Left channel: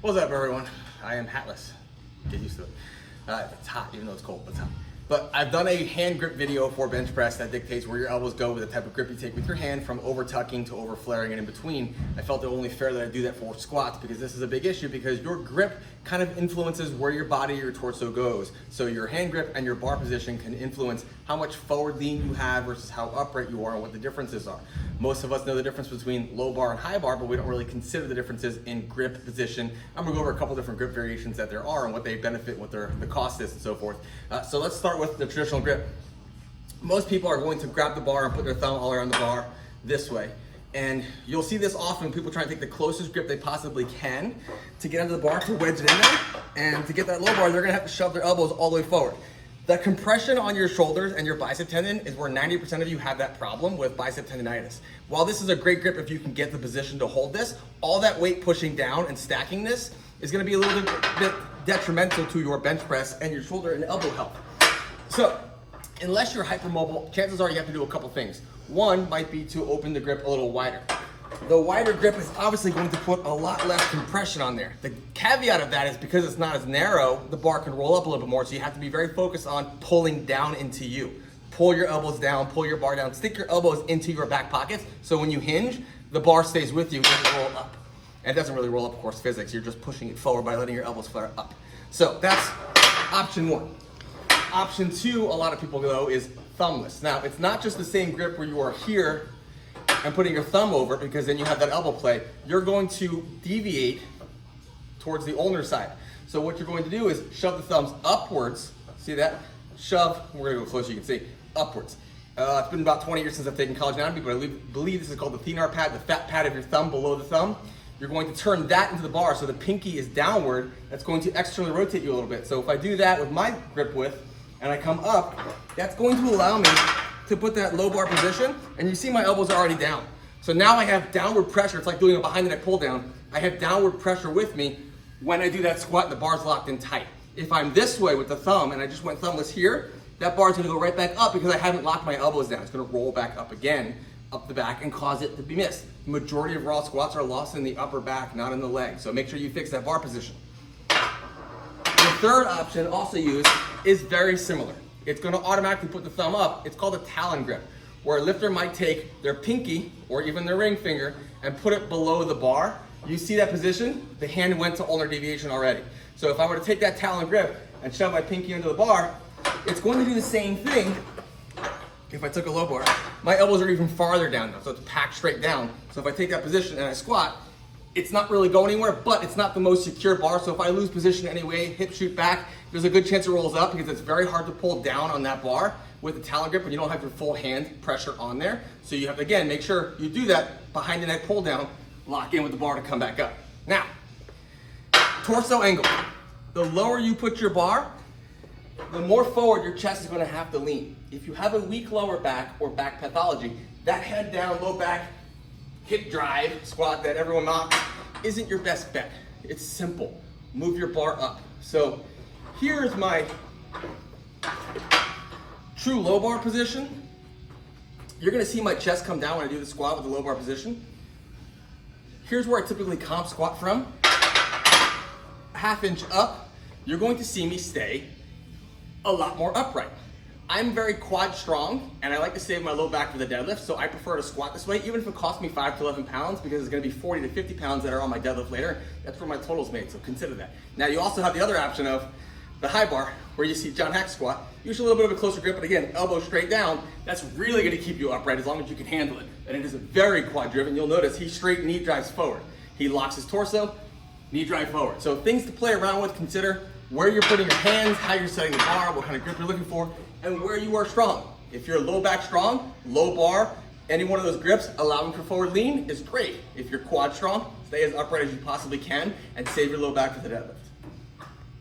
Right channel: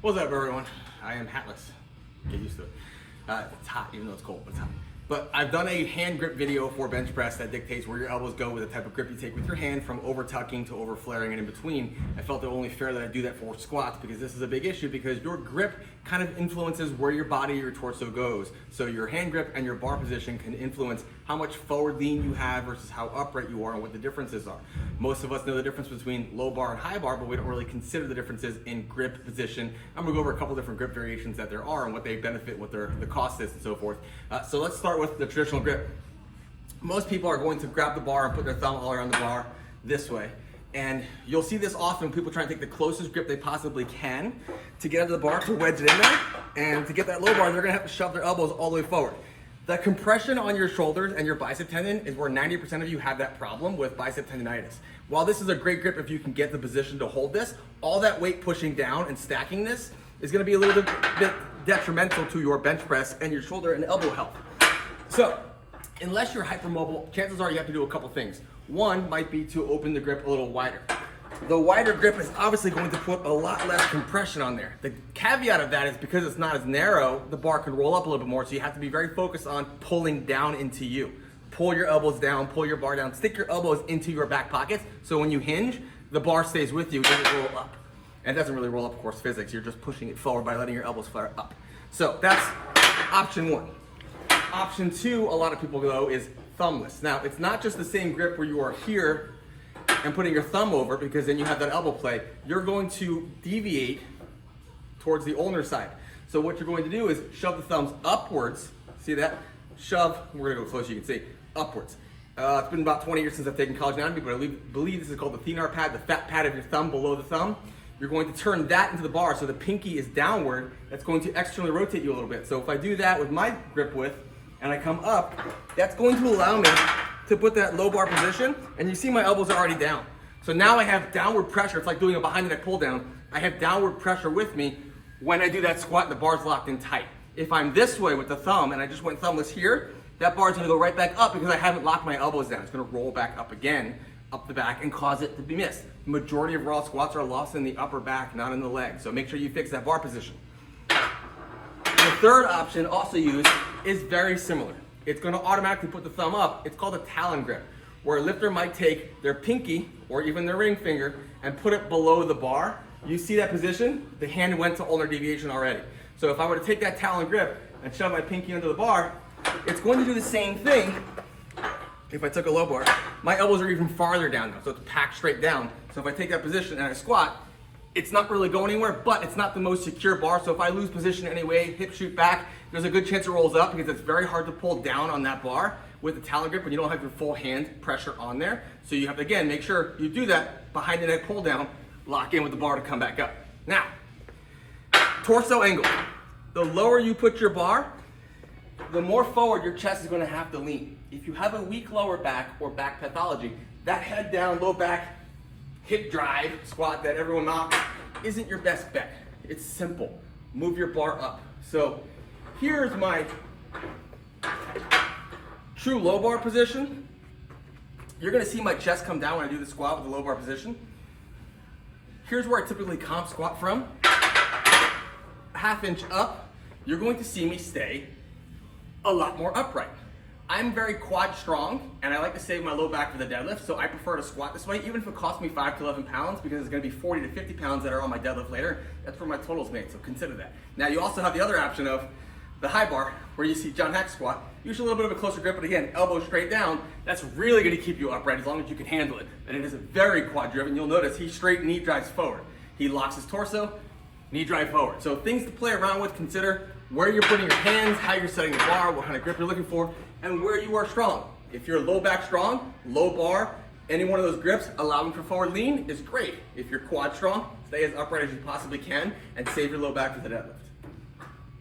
What's up, everyone? I am hatless. Get used to it. It's hot, even though it's cold, but it's hot. But I've done a hand grip video for bench press that dictates where your elbows go with the type of grip you take with your hand, from over tucking to over flaring and in between. I felt it only fair that I do that for squats because this is a big issue, because your grip kind of influences where your body, your torso goes. So your hand grip and your bar position can influence how much forward lean you have versus how upright you are and what the differences are. Most of us know the difference between low bar and high bar, but we don't really consider the differences in grip position. I'm gonna go over a couple different grip variations that there are and what they benefit, what the cost is and so forth. So let's start with the traditional grip. Most people are going to grab the bar and put their thumb all around the bar this way. And you'll see this often when people try to take the closest grip they possibly can to get under the bar, to wedge it in there. And to get that low bar, they're gonna have to shove their elbows all the way forward. The compression on your shoulders and your bicep tendon is where 90% of you have that problem with bicep tendonitis. While this is a great grip if you can get the position to hold this, all that weight pushing down and stacking this is gonna be a little bit detrimental to your bench press and your shoulder and elbow health. So, unless you're hypermobile, chances are you have to do a couple things. One might be to open the grip a little wider. The wider grip is obviously going to put a lot less compression on there. The caveat of that is because it's not as narrow, the bar can roll up a little bit more, so you have to be very focused on pulling down into you. Pull your elbows down, pull your bar down, stick your elbows into your back pockets, so when you hinge, the bar stays with you, it doesn't roll up. And it doesn't really roll up, of course, physics, you're just pushing it forward by letting your elbows flare up. So that's option one. Option two, a lot of people go, is thumbless. Now, it's not just the same grip where you are here and putting your thumb over, because then you have that elbow play. You're going to deviate towards the ulnar side. So what you're going to do is shove the thumbs upwards. See that? Shove, we're gonna go close so you can see, upwards. It's been about 20 years since I've taken college anatomy, but I believe this is called the thenar pad, the fat pad of your thumb below the thumb. You're going to turn that into the bar, so the pinky is downward. That's going to externally rotate you a little bit. So if I do that with my grip width, and I come up, that's going to allow me to put that low bar position, and you see my elbows are already down. So now I have downward pressure. It's like doing a behind the neck pull down. I have downward pressure with me when I do that squat and the bar's locked in tight. If I'm this way with the thumb and I just went thumbless here, that bar's gonna go right back up because I haven't locked my elbows down. It's gonna roll back up again, up the back, and cause it to be missed. The majority of raw squats are lost in the upper back, not in the leg. So make sure you fix that bar position. The third option, also used, is very similar. It's gonna automatically put the thumb up. It's called a talon grip, where a lifter might take their pinky or even their ring finger and put it below the bar. You see that position? The hand went to ulnar deviation already. So if I were to take that talon grip and shove my pinky under the bar, it's going to do the same thing. If I took a low bar, my elbows are even farther down now, so it's packed straight down. So if I take that position and I squat, it's not really going anywhere, but it's not the most secure bar. So if I lose position anyway, hip shoot back, there's a good chance it rolls up, because it's very hard to pull down on that bar with the talon grip when you don't have your full hand pressure on there. So you have to, again, make sure you do that behind the neck pull down, lock in with the bar to come back up. Now, torso angle. The lower you put your bar, the more forward your chest is gonna have to lean. If you have a weak lower back or back pathology, that head down, low back, hip drive squat that everyone mocks isn't your best bet. It's simple. Move your bar up. So here's my true low bar position. You're gonna see my chest come down when I do the squat with the low bar position. Here's where I typically comp squat from. A half inch up, you're going to see me stay a lot more upright. I'm very quad strong, and I like to save my low back for the deadlift, so I prefer to squat this way, even if it costs me 5 to 11 pounds, because it's gonna be 40 to 50 pounds that are on my deadlift later. That's where my total's made, so consider that. Now you also have the other option of the high bar, where you see John Hack squat. Usually a little bit of a closer grip, but again, elbow straight down. That's really gonna keep you upright as long as you can handle it. And it is very quad driven. You'll notice he straight knee drives forward. He locks his torso, knee drive forward. So things to play around with, consider where you're putting your hands, how you're setting the bar, what kind of grip you're looking for, and where you are strong. If you're low back strong, low bar, any one of those grips allowing for forward lean is great. If you're quad strong, stay as upright as you possibly can and save your low back for the deadlift.